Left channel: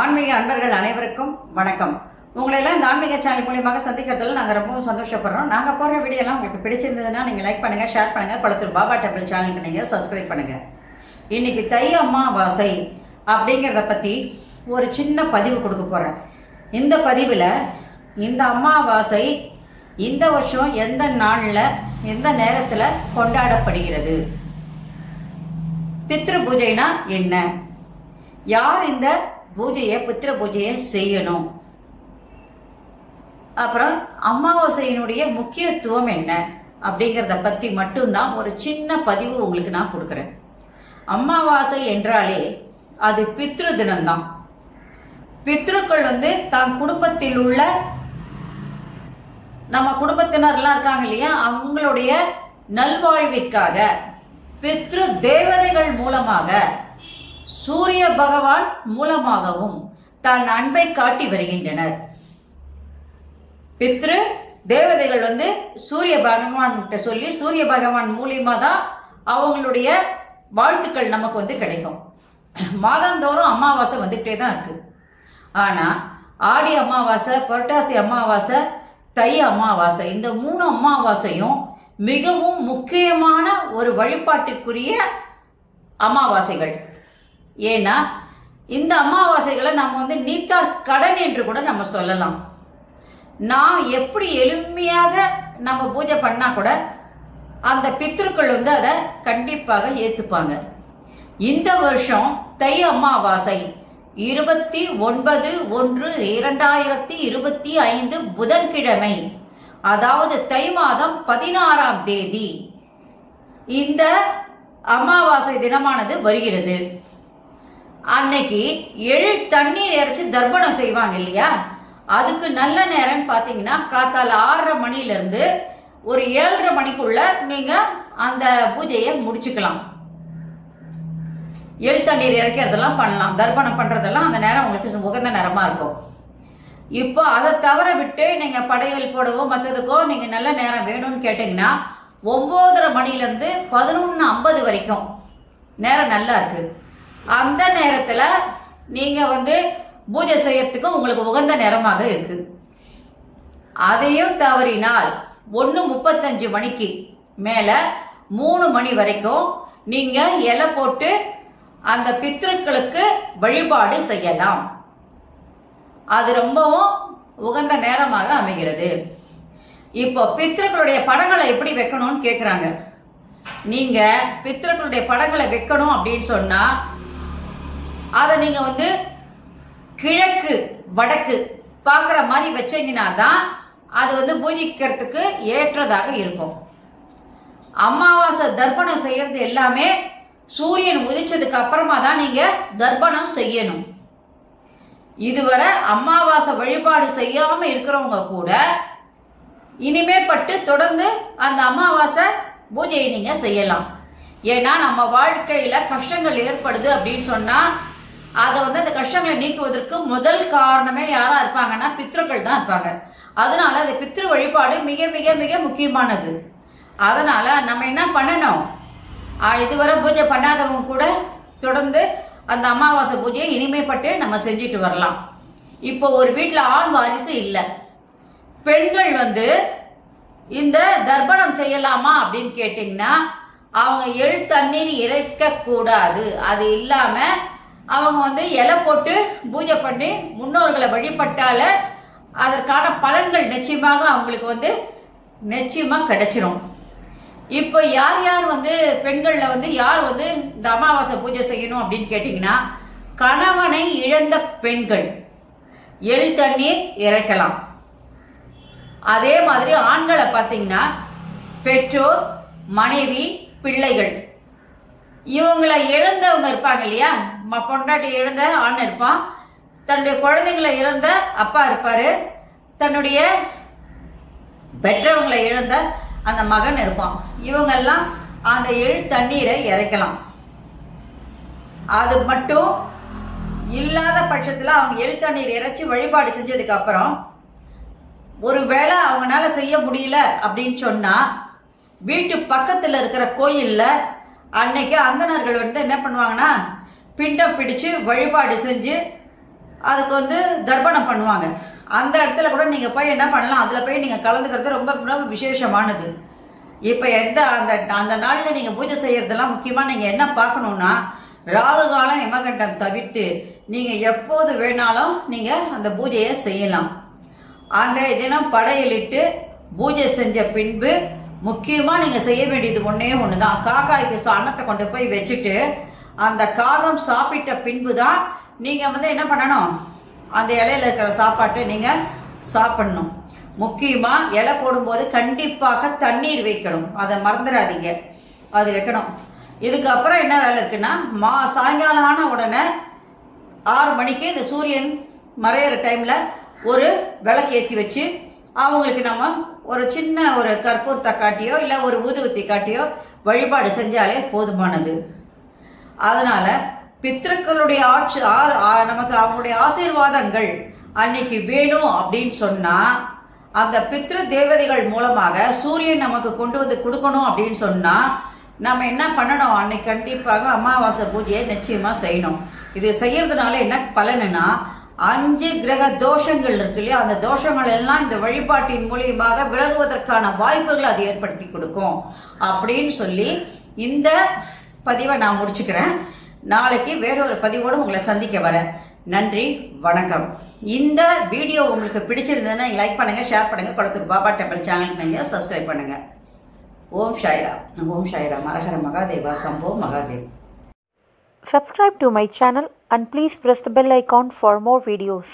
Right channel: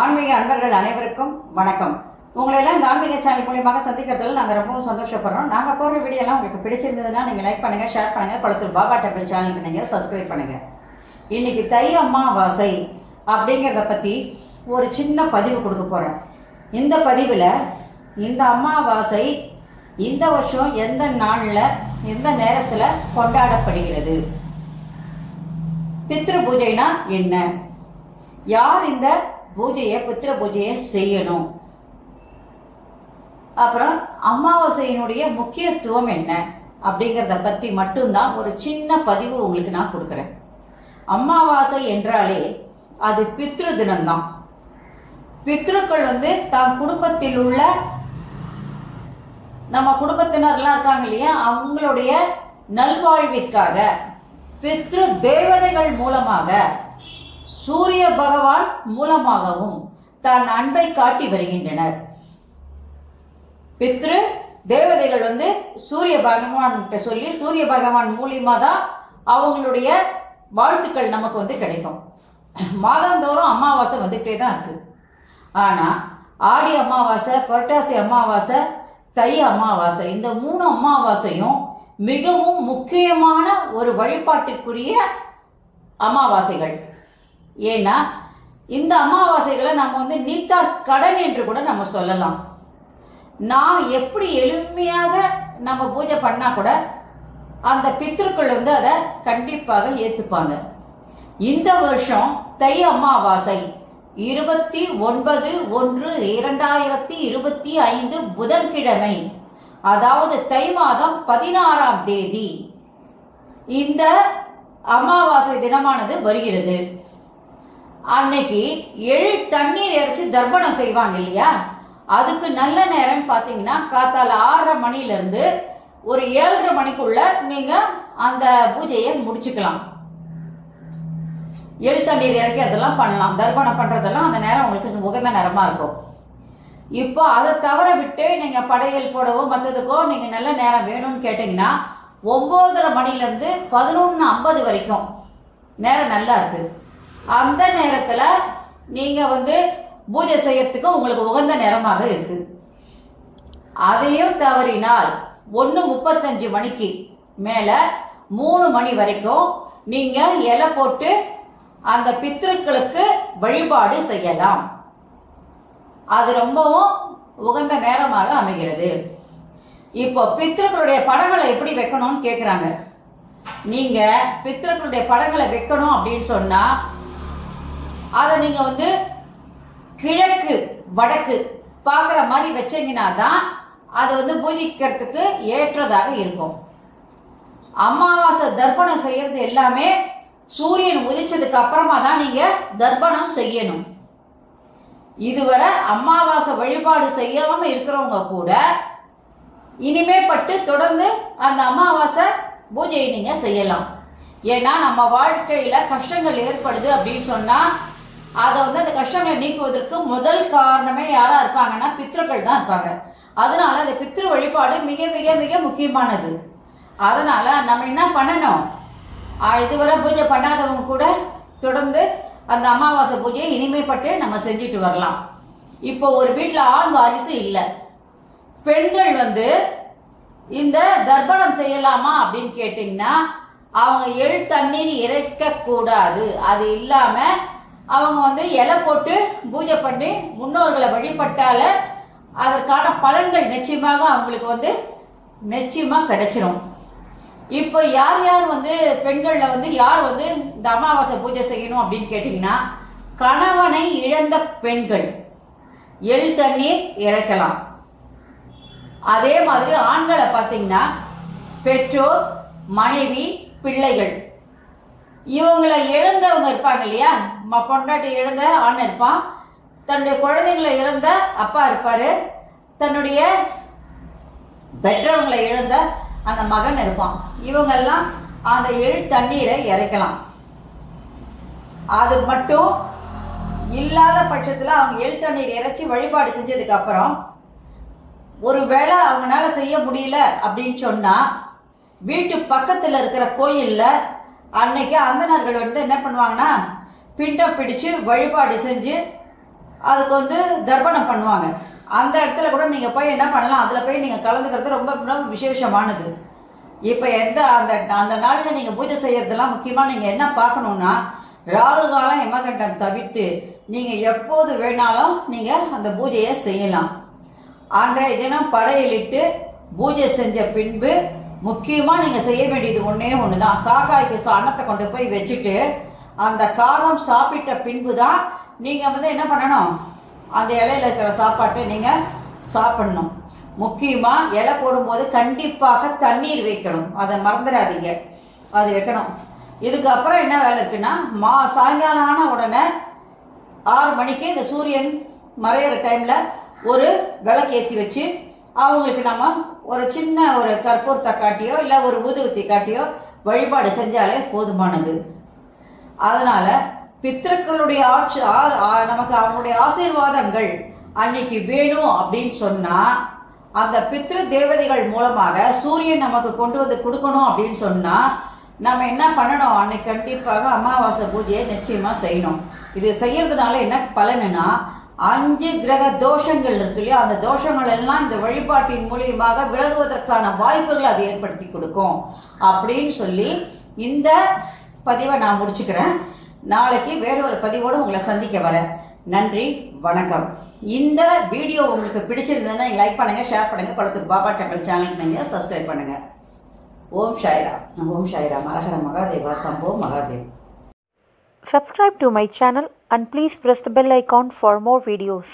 ஆன்மீக அன்பர்கள் அனைவருக்கும் வணக்கம். உங்களை எல்லாம் இந்த ஆன்மீக சேனல் மூலியமாக சந்திக்கிறதுல நாங்கள் ரொம்பவும் சந்தோஷப்படுறோம். நாங்கள் போடுற வீடியோலாம் உங்களுக்கு பிடிச்சிருந்ததுன்னா நீங்கள் லைக் பண்ணுங்கள், ஷேர் பண்ணுங்கள். குளத்தூர் பாபா டெம்பிள் சேனலுக்கு நீங்கள் சப்ஸ்கிரைப் பண்ணுங்கள். இன்னைக்கு தை அமாவாசை அப்படிங்கிறத பற்றி ஒரு சின்ன பதிவு கொடுக்க போகிறேன். இந்த பதிவில் இந்த அமாவாசை இந்த வருஷம் எந்த நாளில் எந்த நேரத்தில் கொண்டாடப்படுகிறது, பித்ரு பூஜைனா என்ன, யார் இந்த பூஜையை பித்ரு பூஜையை செய்யணும், அப்புறம் அமாவாசையினுடைய முக்கியத்துவம் என்ன அப்படிங்கிறத பற்றி மட்டும்தான் ஒரு சின்ன பதிவு உங்களுக்கு நான் கொடுக்குறேன். அமாவாசை என்றாலே அது பித்ரு தினம்தான். பித்ருக்கள் தன் குடும்பத்தில் உள்ள நம்ம குடும்பத்தினர்லாம் இருக்காங்க இல்லையா, அவங்களுடைய நல்வாழ்விற்காக பித்ரு தேவதைகள் மூலமாக சூரிய பகவான் மூலமாகவும் தன் அன்பை காட்டி வருகின்றனர். பித்ரு தேவதைகள் சூரிய பகவான் கிட்ட சொல்லி சூரிய பகவான் மூலியமா தான் அவங்களுடைய வாழ்த்துக்கள் நமக்கு கிடைக்கும். மாதந்தோறும் அமாவாசை வந்துகிட்டே தான் இருக்கு. ஆனா ஆடி அமாவாசை, புரட்டாசி அமாவாசை, தை அமாவாசை, இந்த 3 அமாவாசையும் மிகவும் முக்கியமான ஒரு வழிபாட்டிற்குரிய அமாவாசைகள். ஏன்னா இந்த அமாவாசைகளை நம்ம நீத்தா கடன் என்று கூட நம்ம சொல்லலாம். நான் எப்படி எளிமையாக நம்ம பூஜை பண்ணா கூட அந்த பித்ருக்கள் அதை கண்டிப்பாக ஏத்துப்பாங்க. இந்த வருஷம் தை அமாவாசை 29/1/2025 புதன்கிழமை, அதாவது தை மாதம் 16ஆம் தேதி இந்த அமாவாசை தினமானது வருகிறது. அன்னைக்கு எள் தண்ணீர் இறைச்சி தர்ப்பணம் செய்வாங்க இல்லையா, அதுக்கு நல்ல நேரம் பார்த்தீங்கன்னா காத்தால 6:30 மணிலிருந்து ஒரு 7:30 மணிக்குள்ள நீங்க அந்த பூஜையை முடிச்சுக்கலாம். எள் தண்ணீர் இறைக்கிறதெல்லாம் பண்ணலாம், தர்ப்பணம் பண்றதெல்லாம் அந்த நேரம் உங்களுக்கு உகந்த நேரமா இருக்கும். இப்போ அதை தவற விட்டு நீங்க படைகள் போடவோ மற்றதுக்கோ நீங்க நல்ல நேரம் வேணும்னு கேட்டீங்கன்னா 9:30 மணிலிருந்து 11:50 வரைக்கும் நேரம் நல்லா இருக்கு. அந்த நேரத்துல நீங்க பூஜை செய்யறதுக்கு உங்களுக்கு உகந்த நேரமாக இருக்கு. அதையும் தவறினால் 1:35 மணிக்கு மேல 3 மணி வரைக்கும் நீங்க இலை போட்டு அந்த பித்ருக்களுக்கு வழிபாடு செய்யலாம். அது ரொம்பவும் உகந்த நேரமாக அமைகிறது. இப்போ பித்ருக்களுடைய படங்களை எப்படி வைக்கணும்னு கேக்குறாங்க. நீங்க பித்ருக்களுடைய படங்களை வைக்கணும் அப்படின்னு சொன்னா அதை நீங்க கிழக்கு வடக்கு பார்க்குற மாதிரி வச்சீங்கன்னா தான் அது பூஜிக்கிறதுக்கு ஏற்றதாக இருக்கும். அமாவாசை தர்ப்பணம் செய்யறது எல்லாமே சூரியன் உதிச்சதுக்கு அப்புறமா தான் நீங்க தர்ப்பணம் செய்யணும். இதுவரை அமாவாசை வழிபாடு செய்யாம இருக்கிறவங்க கூட இனிமே பட்டு தொடர்ந்து அந்த அமாவாசை பூஜையை நீங்க செய்யலாம். ஏன்னா நம்ம வாழ்க்கையில கஷ்டங்கள் ஏற்படுது அப்படின்னு சொன்னா அதை அந்த கஷ்டங்களை நீக்குவதற்கு முதல் காரணமே யாரா இருப்பாங்கன்னா பித்ருக்கள் தான் இருப்பாங்க. அதனால அந்த பித்ரு வழிபாடு மிக மிக மிக முக்கியமானது. அதனால நம்ம என்ன பண்ணணும், இதுவரை பூஜை பண்ணாதவங்க கூட தொடர்ந்து அந்த அமாவாசை பூஜையை இனிமேப்பட்டு நம்ம செஞ்சுட்டு வரலாம். இப்போ ஒரு வீட்டில் ஆண் வாரிசு இல்லை, பெண்கள் இந்த தர்ப்பணம் செய்யலாமா அப்படின்னு கேட்டிங்கன்னா அவங்க எள் தண்ணீர் இறைக்க கூடாது. அது இல்லாம அவங்க இலை போட்டு பூஜை பண்ணி முன்னோர்களை வழிபட்டால அதற்கான பலன்கள் நிச்சயமாக அவங்களுக்கு நிச்சயமா கிடைச்சிரும். இப்போ யார் யார் பெண்கள்ல யார் இந்த அமாவாசை பூஜை செய்யணும் அப்படின்னு கேட்டீங்கன்னா, கணவனை இழந்த பெண்கள் எள் தண்ணீர் இறைக்கலாம். அதே மாதிரி ஆண்களை பார்த்தீங்கன்னா பெற்றோர், மனைவி, பிள்ளைகள் இவங்களை இழந்தவங்க இருப்பாங்க இல்லையா, பொண்டாட்டி இழந்த ஆண் இருப்பான், தன்னுடைய குழந்தைங்களை இழந்த அப்பா இருப்பாரு, தன்னுடைய பெற்றவங்களை இழந்த அந்த மகன் இருப்பான். இவங்கெல்லாம் அந்த எள் தண்ணீரை இறைக்கலாம். அது மட்டும் இல்லாத பட்சத்தில் அவங்க எள் தண்ணீர் இறைச்சி வழிபாடு செஞ்சதுக்கு அப்புறம் ஒருவேளை அவங்களால செய்ய முடியல அப்படின்னு சொன்னா வீட்டு பக்கத்தில் இருக்கிற கோயில்ல அன்னைக்கு அந்தணர்கள் என்ன பண்ணுவாங்கன்னா பிண்டம் பிடிச்சு வழிபாடு செஞ்சு அதுக்கு வந்து தர்ப்பணம் பண்ணுவாங்க. அந்த இடத்துல கூட நீங்கள் போய் என்ன பண்ணலாம், அதில் போய் நீங்கள் கலந்துக்கிறது ரொம்ப ரொம்ப விசேஷமானது. இப்போ அந்த நாளில் நீங்கள் பூஜை செய்கிறதெல்லாம் முக்கியமாக நீங்கள் என்ன பார்க்கணுன்னா, ராகு காலம் யமகண்டம் தவிர்த்து நீங்கள் எப்போது வேணாலும் நீங்கள் அந்த பூஜையை செய்யலாம். அன்றைய தினம் படையலிட்டு பூஜை செஞ்ச பின்பு முக்கியமாக நீங்கள் செய்ய வேண்டியது ஒன்றே ஒன்று தான். காக்காய்க்கு அன்னத்தை கொண்டு போய் வச்சுட்டு அந்த காகம் சாப்பிட்ட பின்பு தான் நீங்கள் வந்து என்ன பண்ணணும், அந்த இலையில் இருக்கிற சாப்பாட்டை நீங்கள் சாப்பிடணும். முக்கியமாக இலை போடும்போது கண்டிப்பாக தண்ணீர் வைக்கணும், அதை மறந்துடாதீங்க, அது வைக்கணும். இதுக்கப்புறம் என்ன வேலை இருக்குன்னா, சாயங்காலம் ஆன உடனே 6 மணிக்கு இந்த சூரியன் மறையிற டைமில் ஒரு விளக்கு ஏற்றி வச்சு அவங்களுக்கு நம்ம ஒரு சின்ன ஒரு கற்பூரத்தை காட்டியோ இல்லை ஒரு ஊதுவத்தி காட்டியோ வழிபாடு செஞ்சாலே போதுமானது. அதனால் பித்ருக்களுடைய நமக்கு அவங்களுடைய ஆசீர்வாதங்கள் அன்னைக்கு வேணும் அப்படின்னு சொன்னால், அந்த பித்ரு தேவதைகள் மூலமாக சூரியன் நமக்கு கொண்டு வந்து கொடுக்கணும் அப்படின்னு சொன்னால் நம்ம என்ன பண்ணணும், அன்னைக்கு கண்டிப்பாக அமாவாசை பூஜையை நிச்சயமாக செய்யணும். இது செய்யறதுனால என்ன பலனுன்னா, 5 கிரக தோஷங்கள் இருக்கு இல்லையா, அந்த தோஷங்கள் எல்லாம் இந்த வழிபாட்டின் மூலியமாக விலகுவதற்கான வாய்ப்புகளை அது ஏற்படுத்தி கொடுக்கும் அப்படின்னு சொல்லி இந்த பதிவை நான் முடிச்சுக்கிறேன். நாளைக்கு வேற ஒரு பதிவோடு உங்களை சந்திக்க வரேன். நன்றி, வணக்கம். இந்த வீடியோ உங்களுக்கு பிடிச்சிருந்ததுன்னா லைக் பண்ணுங்க, ஷேர் பண்ணுங்க, குளத்தூர் பாபா டெம்பிள் சேனலுக்கு நீங்க சப்ஸ்கிரைப் பண்ணுங்க. ஓம் சாய்ராம். ஓம் சாய்ராம். ஹரஹர Mahadeva. Shambho Mahadev. Subscribe to my channel and please press the bell icon for more videos.